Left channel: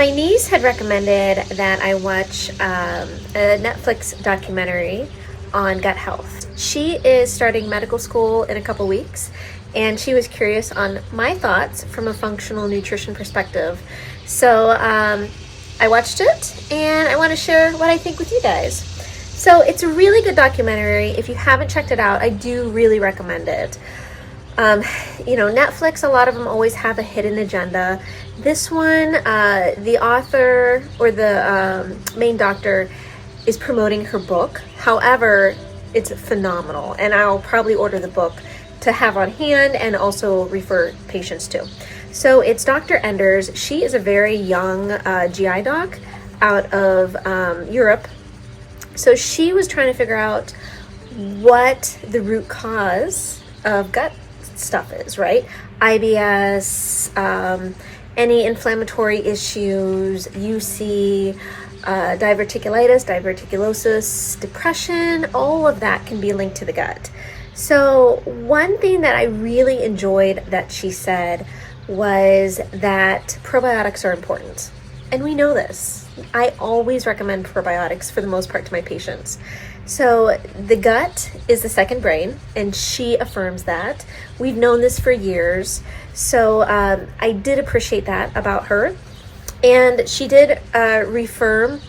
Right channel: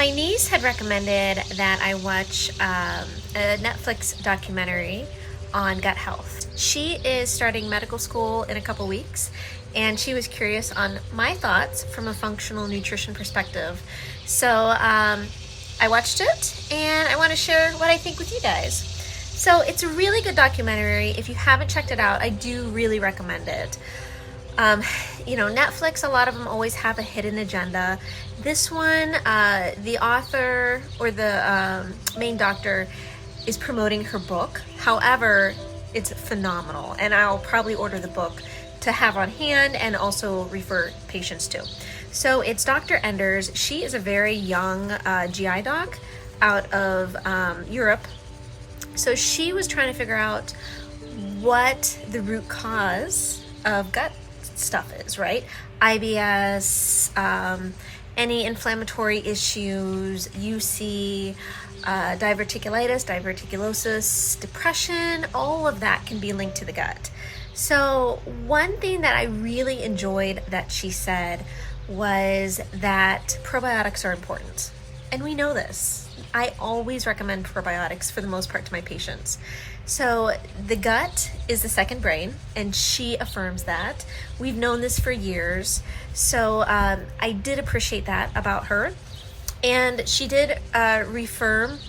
My niece had recommended that I watch a Netflix documentary on gut health. She is starting medical school in a couple weeks, and she was curious on my thoughts from a functional nutrition perspective. So I watched it, and I want to share what I think with you guys. So it's a really good documentary. If you haven't checked it out, I do really recommend it. Netflix, a lot of them always have a hidden agenda. This one, the author or the main doctor is promoting her book. However, it's phenomenal, and I'll probably order the book to have on hand and also refer patients to. So it's Dr. Enders. She is a very young GI doc out of Europe. So she was trying to figure out what the root cause of gut stuff is, right? IBS, any inflammatory issues, UC, diverticulitis, diverticulosis, depression, all of that can be linked to the gut. So one thing that I really enjoyed that she said was that probiotics are important. And we know this. I always recommend probiotics for the most part to my patients. So the gut is the second brain, and she affirms that. We've known this for years. So I did appreciate that about her. And she did reaffirm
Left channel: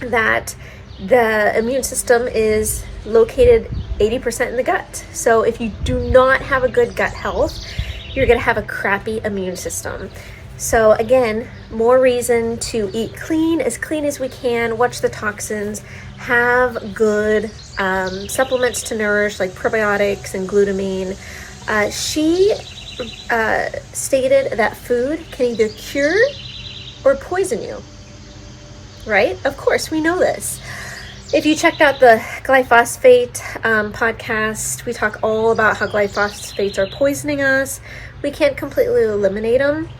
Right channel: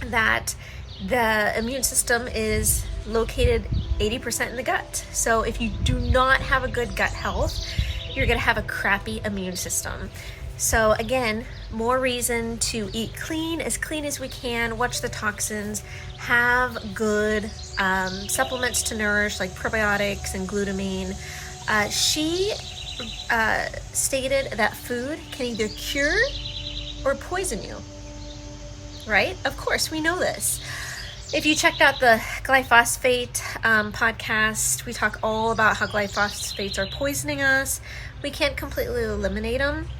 that the immune system is located 80% in the gut. So if you do not have a good gut health, you're going to have a crappy immune system. So again, more reason to eat clean as we can, watch the toxins, have good supplements to nourish like probiotics and glutamine. She stated that food can either cure or poison you, right? Of course, we know this. If you checked out the glyphosate podcast, we talk all about how glyphosates are poisoning us. We can't completely eliminate them,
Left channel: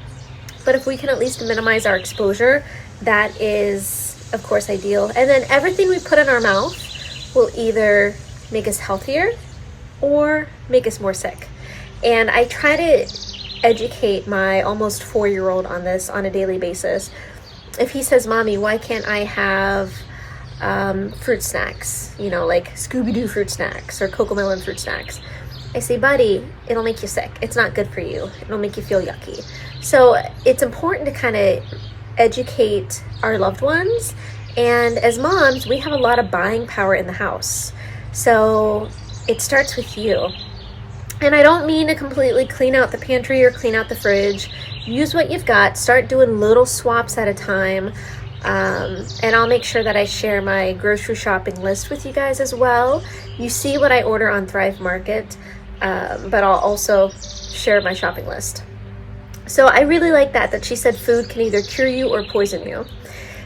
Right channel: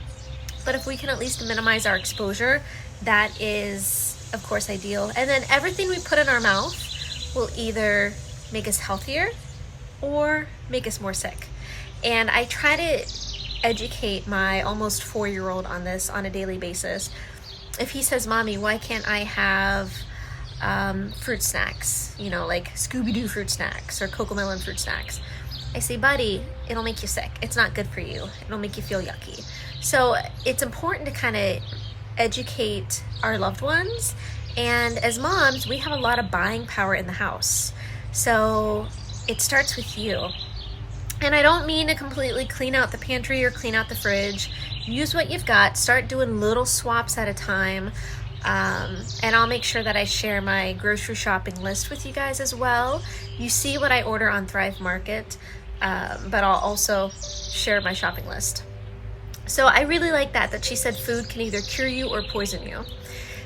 but if we can at least minimize our exposure, that is, of course, ideal. And then everything we put in our mouth will either make us healthier or make us more sick. And I try to educate my almost 4-year-old on this on a daily basis. If he says, "Mommy, why can't I have fruit snacks, like Scooby-Doo fruit snacks or Cocomelon fruit snacks?" I say, "Buddy, it'll make you sick. It's not good for you. It'll make you feel yucky." So it's important to kind of educate our loved ones. And as moms, we have a lot of buying power in the house. So it starts with you. And I don't mean to completely clean out the pantry or clean out the fridge. Use what you've got. Start doing little swaps at a time. And I'll make sure that I share my grocery shopping list with you guys as well. You see what I order on Thrive Market, but I'll also share my shopping list. So I really like that she said food can either cure you or poison you.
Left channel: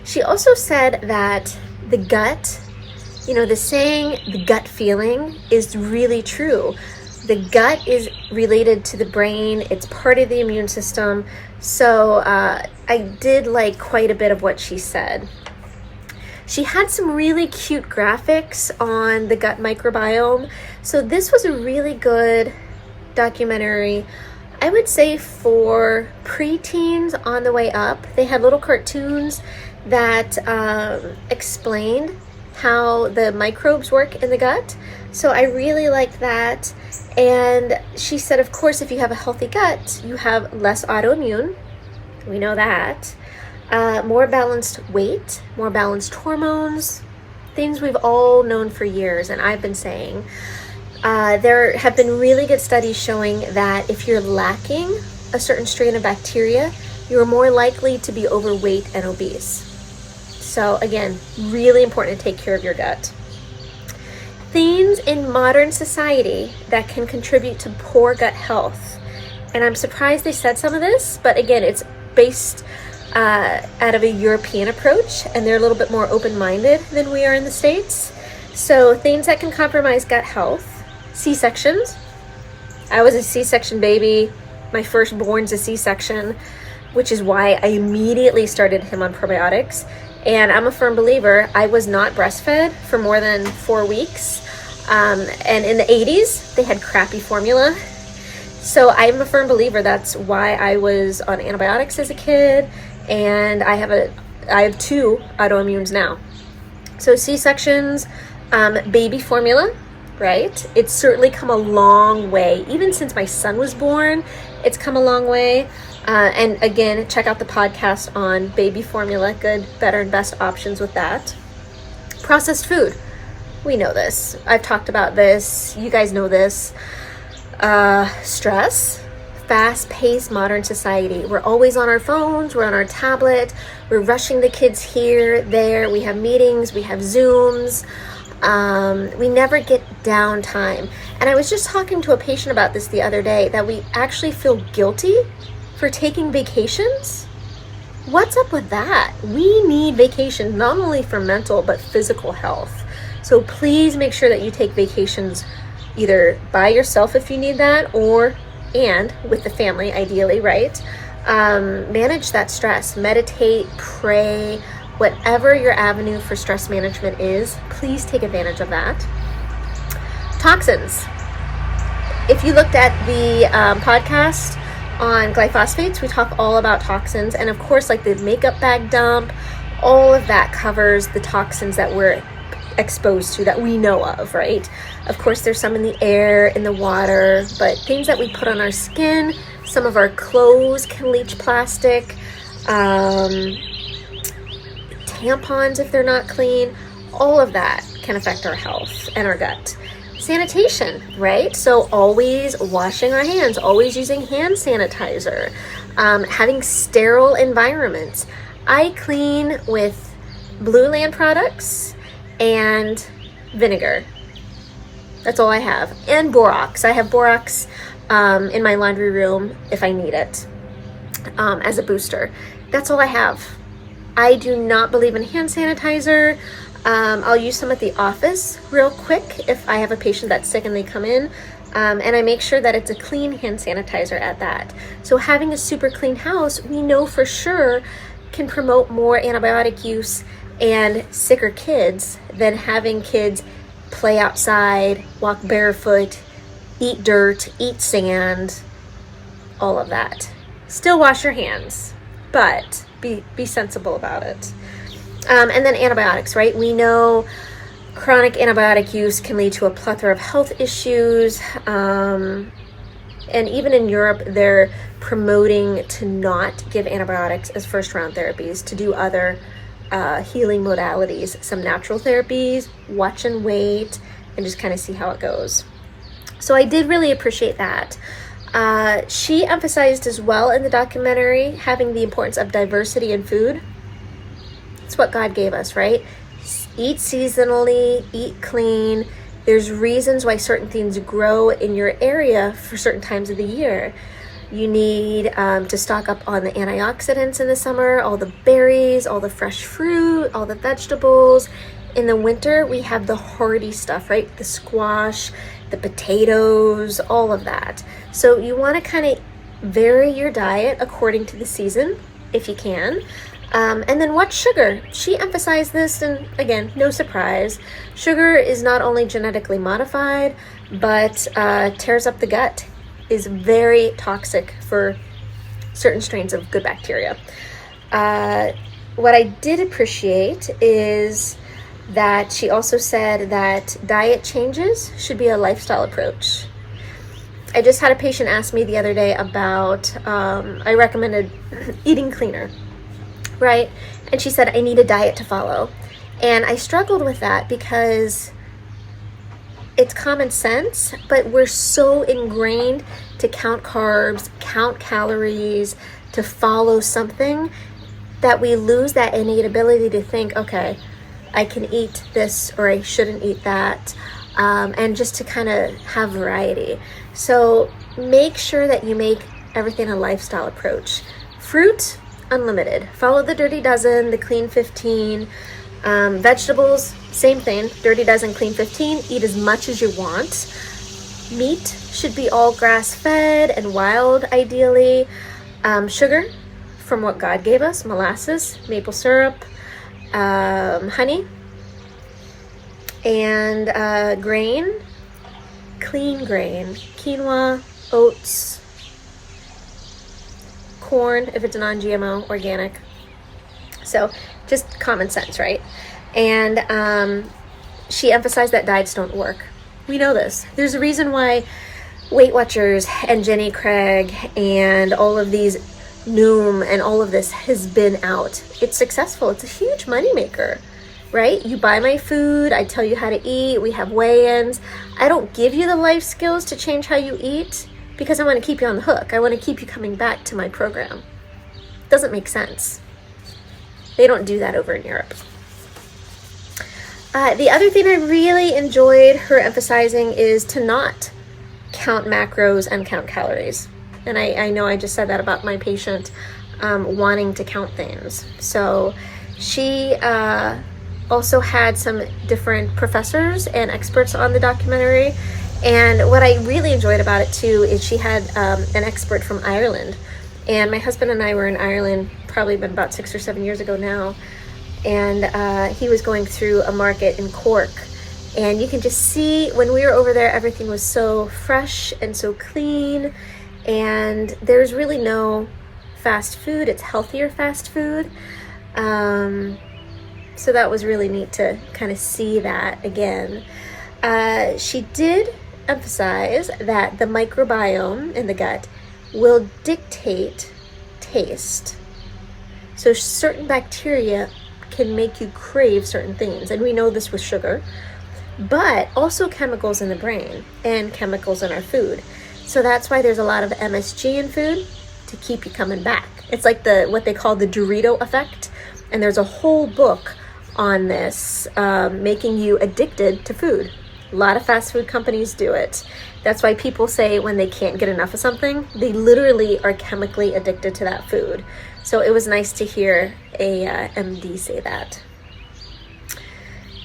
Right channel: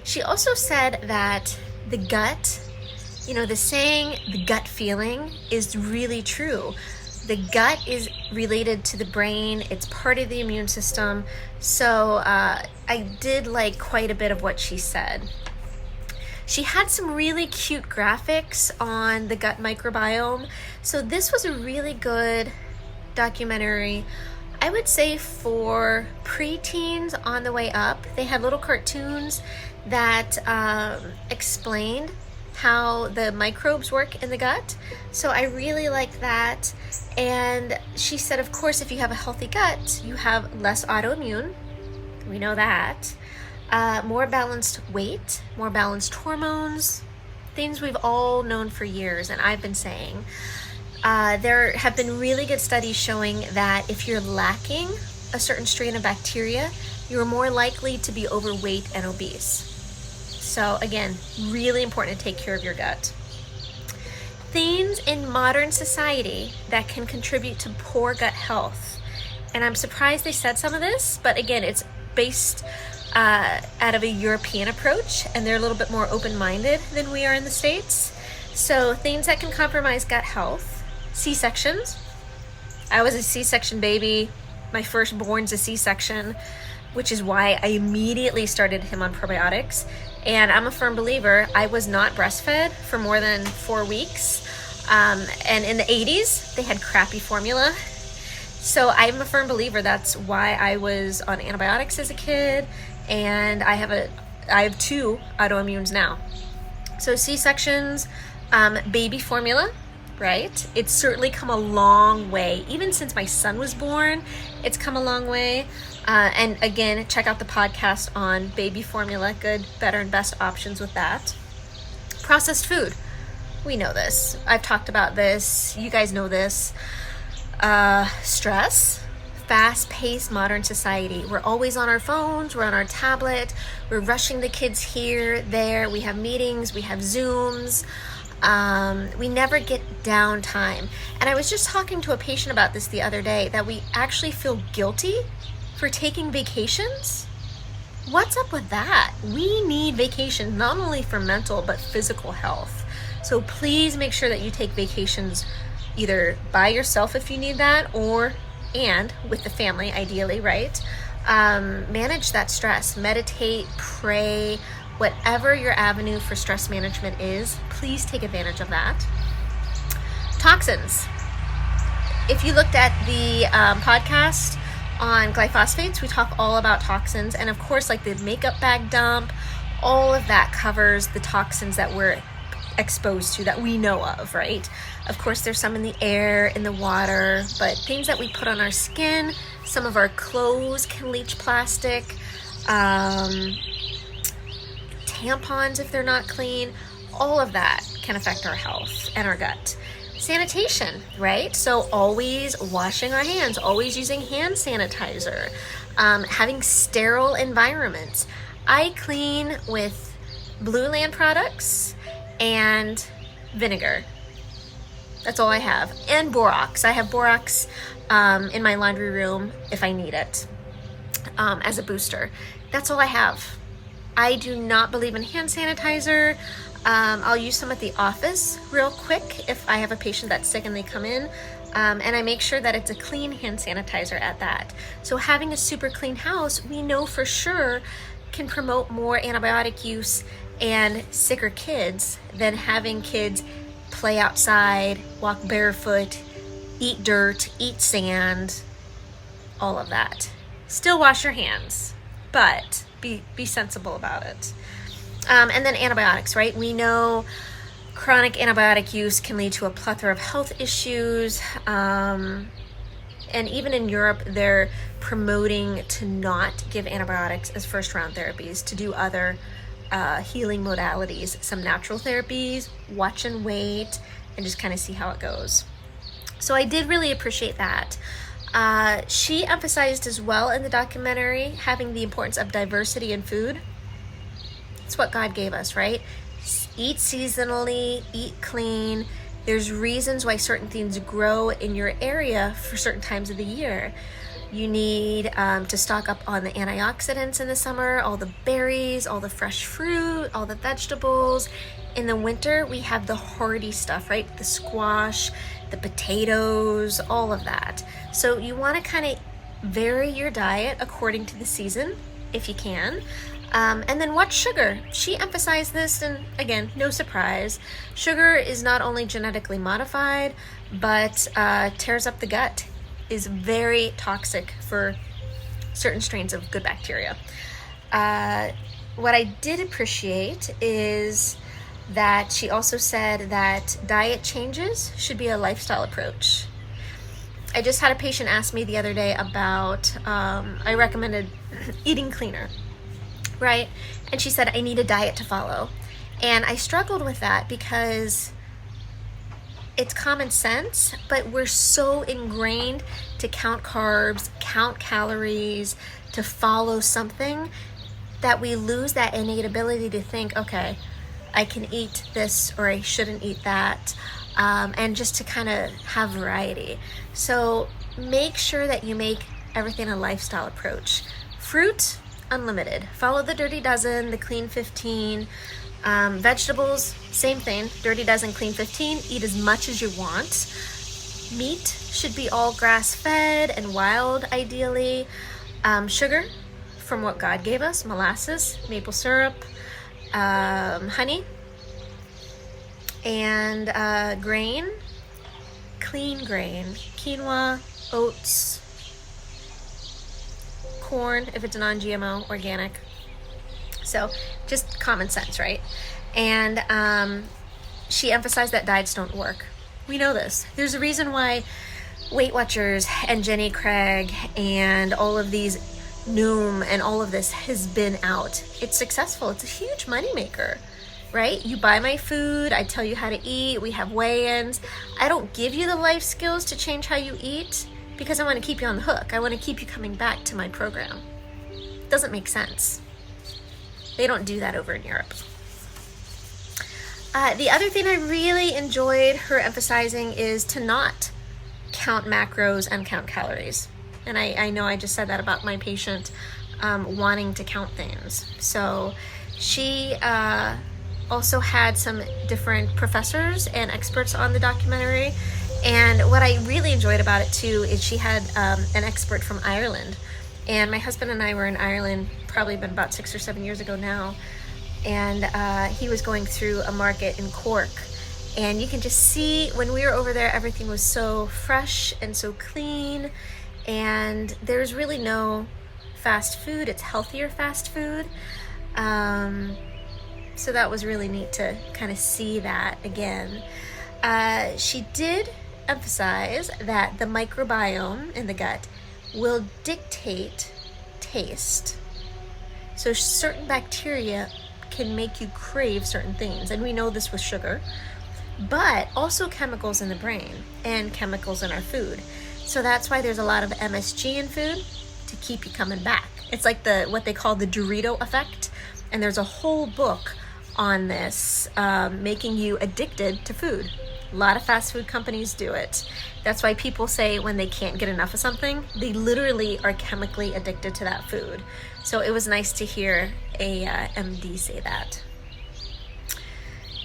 She also said that the gut, the saying, the gut feeling is really true. The gut is related to the brain. It's part of the immune system. So I did like quite a bit of what she said. She had some really cute graphics on the gut microbiome. So this was a really good documentary, I would say, for preteens on the way up. They had little cartoons that explained how the microbes work in the gut. So I really like that. And she said, of course, if you have a healthy gut, you have less autoimmune. We know that. More balanced weight, more balanced hormones, things we've all known for years, and I've been saying. There have been really good studies showing that if you're lacking a certain strain of bacteria, you're more likely to be overweight and obese. So again, really important to take care of your gut. Things in modern society that can contribute to poor gut health. And I'm surprised they said some of this, but again, it's based out of a European approach, and they're a little bit more open-minded than we are in the States. So things that can compromise gut health: C-sections. I was a C-section baby. My firstborn's a C-section, which is why I immediately started him on probiotics. And I'm a firm believer, I was not breastfed for more than 4 weeks. And in the 80s, they had crappy formula. So I'm a firm believer that's why I was on antibiotics as a kid and I have 2 autoimmunes now. So C-sections, baby formula, right? It's certainly come a long way. Even since my son was born, it's come a long way. And again, check out the podcast on baby formula, good, better, and best options with that. Processed food. We know this. I've talked about this. You guys know this. Stress, fast-paced modern society. We're always on our phones. We're on our tablet. We're rushing the kids here, there. We have meetings. We have Zooms. We never get downtime. And I was just talking to a patient about this the other day, that we actually feel guilty for taking vacations. What's up with that? We need vacations, not only for mental, but physical health. So please make sure that you take vacations either by yourself if you need that, and with the family, ideally, right? Manage that stress, meditate, pray, whatever your avenue for stress management is, please take advantage of that. Toxins. If you looked at the podcast on glyphosates, we talk all about toxins, and of course, like the makeup bag dump, all of that covers the toxins that we're exposed to, that we know of, right? Of course, there's some in the air, in the water, but things that we put on our skin, some of our clothes can leach plastic, tampons if they're not clean, all of that can affect our health and our gut. Sanitation, right? So always washing our hands, always using hand sanitizer, having sterile environments. I clean with Blue Land products and vinegar. That's all I have. And borax. I have borax in my laundry room if I need it as a booster. That's all I have. I do not believe in hand sanitizer. I'll use some at the office real quick if I have a patient that's sick and they come in. And I make sure that it's a clean hand sanitizer at that. So having a super clean house, we know for sure can promote more antibiotic use and sicker kids than having kids play outside, walk barefoot, eat dirt, eat sand, all of that. Still wash your hands, but be sensible about it. And then antibiotics, right? We know chronic antibiotic use can lead to a plethora of health issues. And even in Europe, they're promoting to not give antibiotics as first-round therapies, to do other healing modalities, some natural therapies, watch and wait, and just kind of see how it goes. So I did really appreciate that. She emphasized as well in the documentary having the importance of diversity in food. It's what God gave us, right? Eat seasonally, eat clean. There's reasons why certain things grow in your area for certain times of the year. You need to stock up on the antioxidants in the summer, all the berries, all the fresh fruit, all the vegetables. In the winter, we have the hardy stuff, right? The squash, the potatoes, all of that. So you want to kind of vary your diet according to the season, if you can. And then watch sugar. She emphasized this, and again, no surprise. Sugar is not only genetically modified, but tears up the gut, is very toxic for certain strains of good bacteria. What I did appreciate is that she also said that diet changes should be a lifestyle approach. I just had a patient ask me the other day about, I recommended eating cleaner, right? And she said, I need a diet to follow. And I struggled with that because it's common sense, but we're so ingrained to count carbs, count calories, to follow something, that we lose that innate ability to think, okay, I can eat this or I shouldn't eat that, and just to kind of have variety. So make sure that you make everything a lifestyle approach. Fruit, unlimited. Follow the Dirty Dozen, the Clean 15. Vegetables, same thing, Dirty Dozen, Clean 15. Eat as much as you want. Meat should be all grass-fed and wild, ideally. Sugar, from what God gave us, molasses, maple syrup, honey, and grain, clean grain, quinoa, oats, corn, if it's non-GMO, organic, So just common sense, right? And she emphasized that diets don't work. We know this. There's a reason why Weight Watchers and Jenny Craig and all of these Noom and all of this has been out. It's successful. It's a huge moneymaker, right? You buy my food. I tell you how to eat. We have weigh-ins. I don't give you the life skills to change how you eat because I want to keep you on the hook. I want to keep you coming back to my program. Doesn't make sense. They don't do that over in Europe. The other thing I really enjoyed her emphasizing is to not count macros and count calories. And I know I just said that about my patient wanting to count things. So she also had some different professors and experts on the documentary. And what I really enjoyed about it too is she had an expert from Ireland. And my husband and I were in Ireland, probably been about 6 or 7 years ago now. And he was going through a market in Cork. And you can just see when we were over there, everything was so fresh and so clean. And there's really no fast food. It's healthier fast food. So that was really neat to kind of see that again. She did emphasize that the microbiome in the gut will dictate taste. So certain bacteria can make you crave certain things. And we know this with sugar, but also chemicals in the brain and chemicals in our food. So that's why there's a lot of MSG in food to keep you coming back. It's like what they call the Dorito effect. And there's a whole book on this, making you addicted to food. A lot of fast food companies do it. That's why people say when they can't get enough of something, they literally are chemically addicted to that food. So it was nice to hear a MD say that.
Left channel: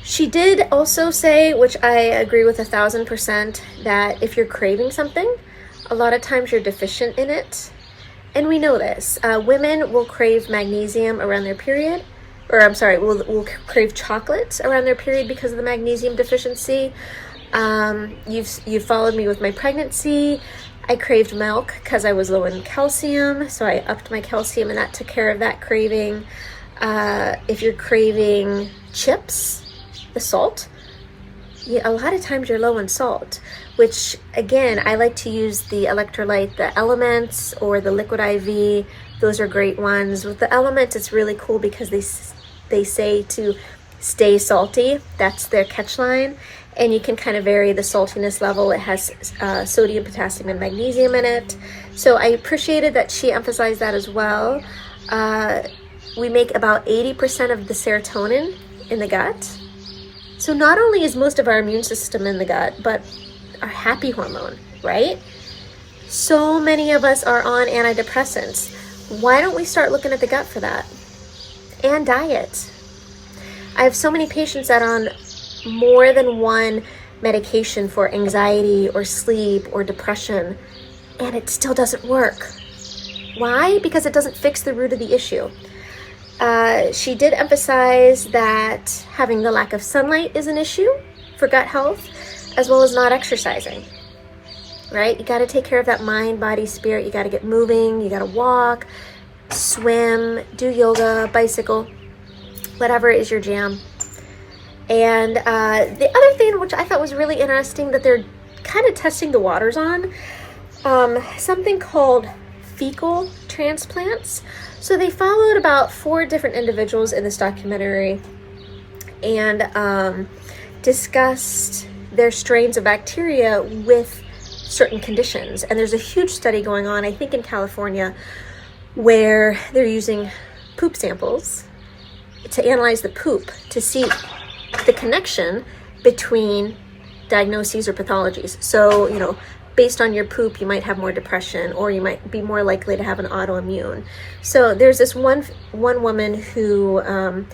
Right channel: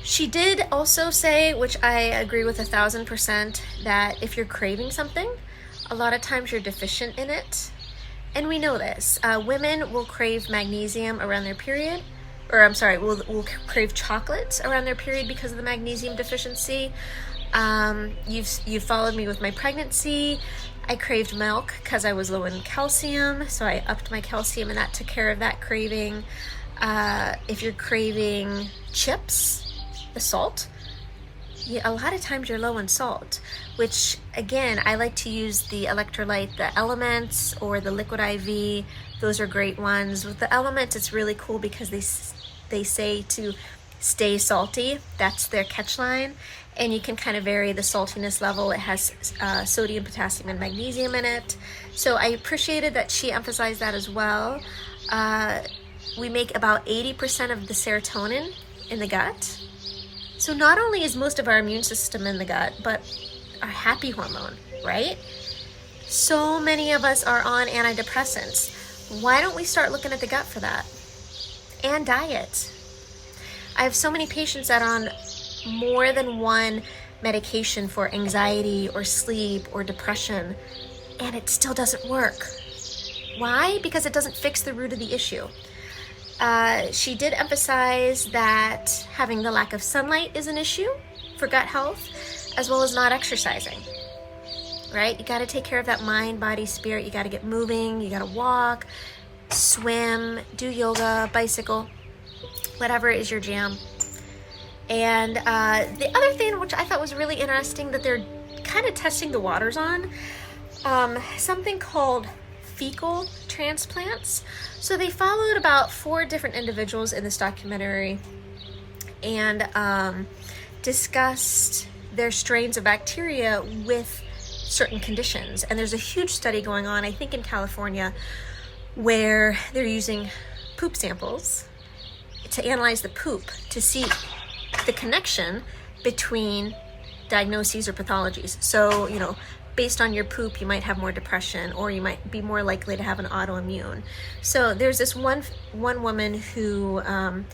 She did also say, which I agree with 1,000%, that if you're craving something, a lot of times you're deficient in it. And we know this. Women will crave magnesium around their period, will crave chocolate around their period because of the magnesium deficiency. You've followed me with my pregnancy. I craved milk because I was low in calcium, so I upped my calcium and that took care of that craving. If you're craving chips, the salt, a lot of times you're low in salt, which again, I like to use the electrolyte, the Elements or the Liquid IV. Those are great ones. With the Elements, it's really cool because they say to stay salty. That's their catch line. And you can kind of vary the saltiness level. It has sodium, potassium, and magnesium in it. So I appreciated that she emphasized that as well. We make about 80% of the serotonin in the gut. So not only is most of our immune system in the gut, but our happy hormone, right? So many of us are on antidepressants. Why don't we start looking at the gut for that? And diet. I have so many patients that are on more than one medication for anxiety or sleep or depression, and it still doesn't work. Why? Because it doesn't fix the root of the issue. She did emphasize that having the lack of sunlight is an issue for gut health, as well as not exercising, right? You got to take care of that mind, body, spirit. You got to get moving. You got to walk, swim, do yoga, bicycle, whatever is your jam. And the other thing, which I thought was really interesting, that they're kind of testing the waters on, something called fecal transplants. So they followed about 4 different individuals in this documentary and discussed their strains of bacteria with certain conditions. And there's a huge study going on, I think in California, where they're using poop samples to analyze the poop to see the connection between diagnoses or pathologies. So, based on your poop, you might have more depression, or you might be more likely to have an autoimmune. So there's this one woman who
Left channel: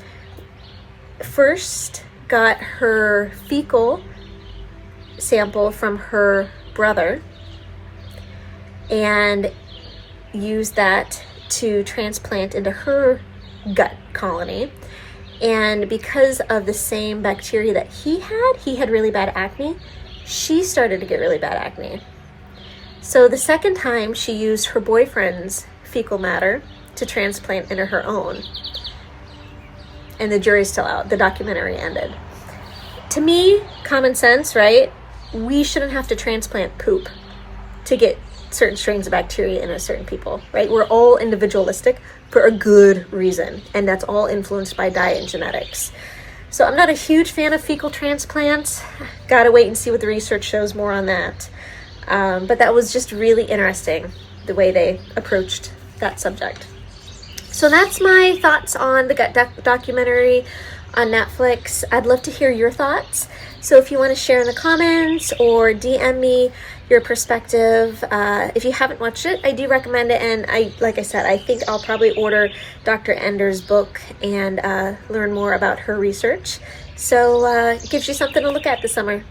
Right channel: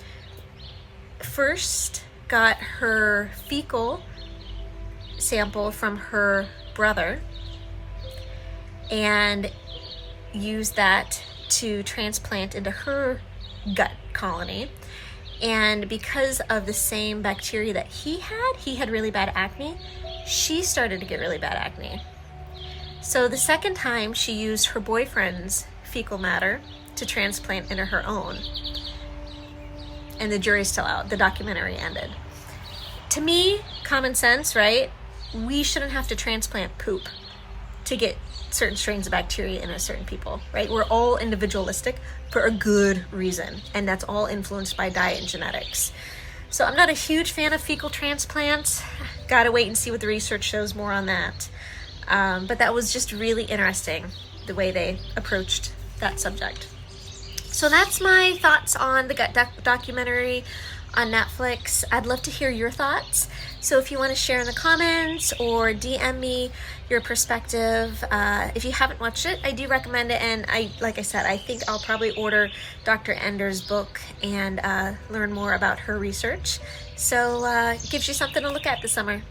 first got her fecal sample from her brother and used that to transplant into her gut colony. And because of the same bacteria that he had really bad acne. She started to get really bad acne. So the second time she used her boyfriend's fecal matter to transplant into her own. and the jury's still out. The documentary ended. To me, common sense, right? We shouldn't have to transplant poop to get certain strains of bacteria in a certain people, right? We're all individualistic for a good reason, and that's all influenced by diet and genetics. So I'm not a huge fan of fecal transplants. Gotta wait and see what the research shows more on that. But that was just really interesting, the way they approached that subject. So that's my thoughts on the gut documentary on Netflix. I'd love to hear your thoughts. So if you want to share in the comments or DM me your perspective, if you haven't watched it, I do recommend it. And like I said, I think I'll probably order Dr. Ender's book and learn more about her research. So it gives you something to look at this summer.